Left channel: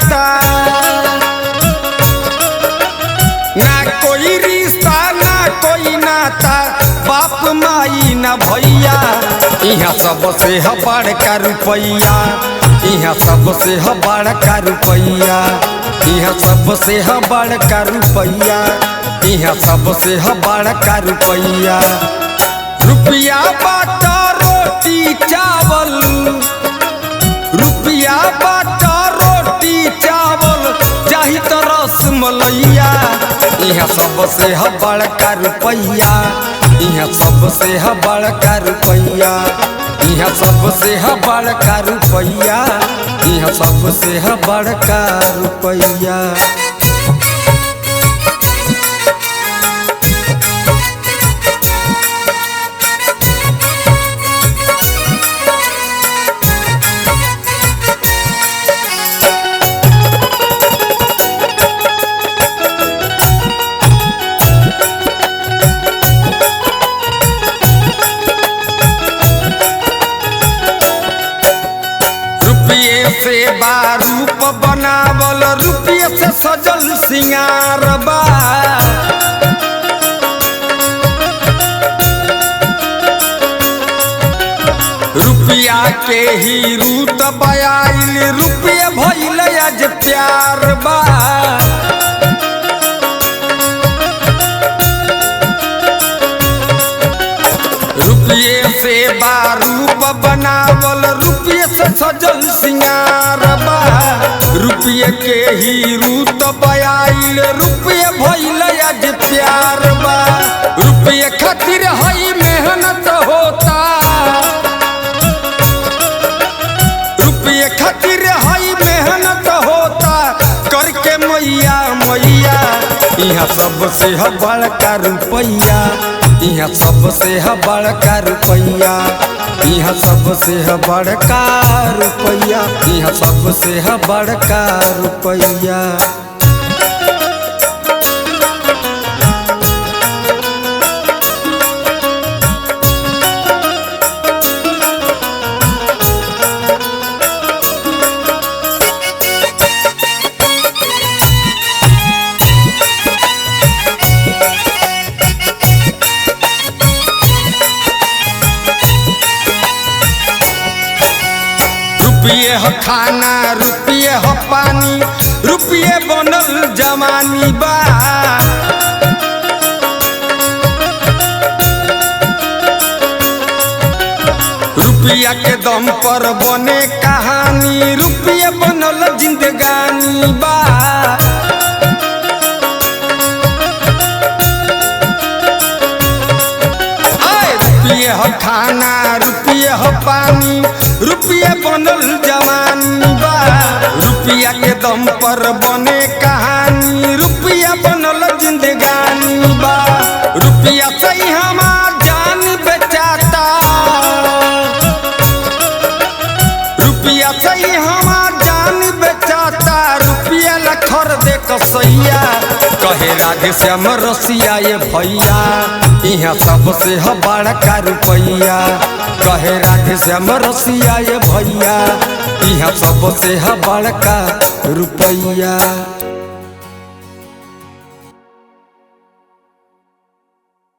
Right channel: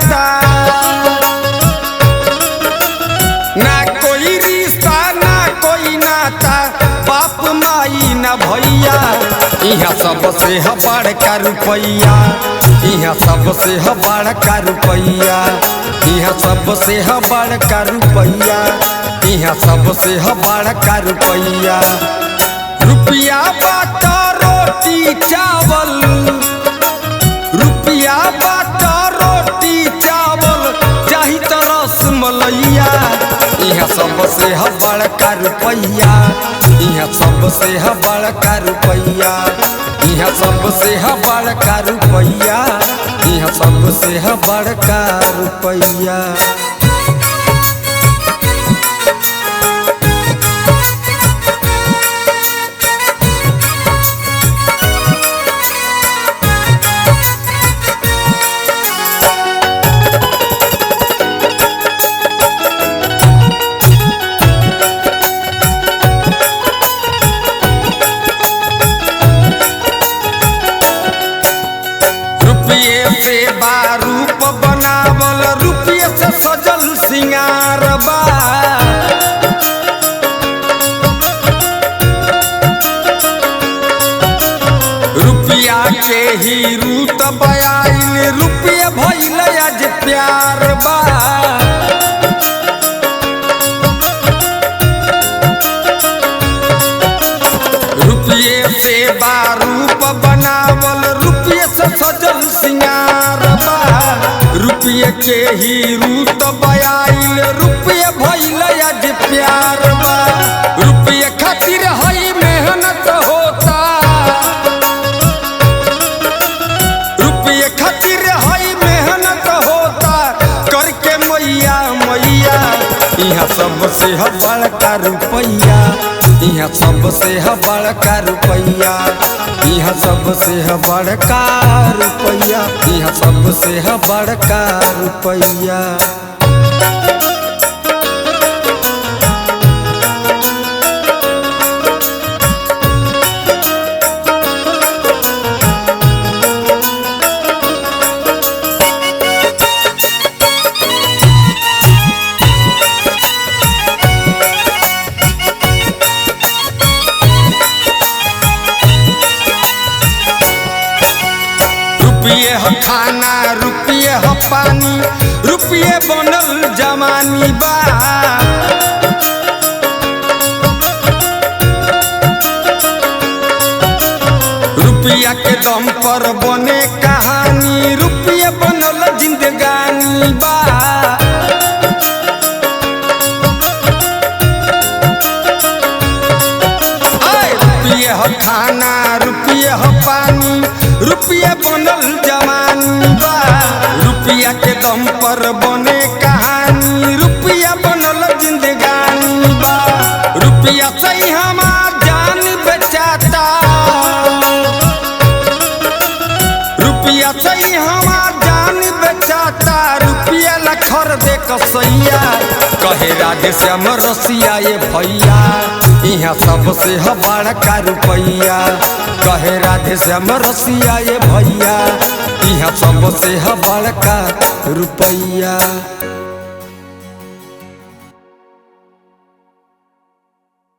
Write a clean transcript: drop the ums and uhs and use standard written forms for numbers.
नाता, ना कोई रिश्ता ना कोई नाता, बाप माई ना भैया, यहाँ सबसे है बड़का रुपैया, यहाँ सबसे है बड़का रुपैया, यहाँ सबसे है बड़का रुपैया, यहाँ सबसे है बड़का रुपैया। रुपया बाटा रोटी चावल, रुपया बाटा रोटी चावल, चाही तो रसमलैया, यहाँ सबसे है बड़का रुपैया, यहाँ सबसे है बड़का रुपैया, यहाँ सबसे है बड़का रुपैया, यहाँ सबसे है बड़का रुपैया। रुपये से बारूप बनावल, रुपये से सजल सिंगार बा, रुपया के ही रूत बयाइल, रुपये भइल आज प्यार बा। रुपये से बारूप बनावल, रुपये से सजल सिंगार बा, रुपये के ही रूत बयाइल, रुपये भइल आज प्यार बा। रुपये खातिर हई मेहनत होता, रुपये खातिर हई मेहनत होता, करके मैया मैया, यहाँ सबसे है बड़का रुपैया, यहाँ सबसे है बड़का रुपैया, यहाँ सबसे है बड़का रुपैया, यहाँ सबसे है बड़का रुपैया। रुपये है खाना, रुपये है पानी, रुपये बनल जवानी बा। रुपया के दम पर बने कहानी, रुपये बनल जिंदगानी बा। रुपये है खाना, रुपये है पानी, रुपये बनल जवानी बा। रुपया के दम पर बने कहानी, रुपया बनल जिंदगानी बा। रुपया से हमार जान बेचाता, रुपया से हमार जान बेचाता, रुपया ला खरीदे कसैया, कहे राधे श्याम रसिया ये भैया, यहाँ सबसे है बड़का रुपैया, कहे राधे श्याम रसिया ये भैया, यहाँ सबसे है बड़का रुपैया।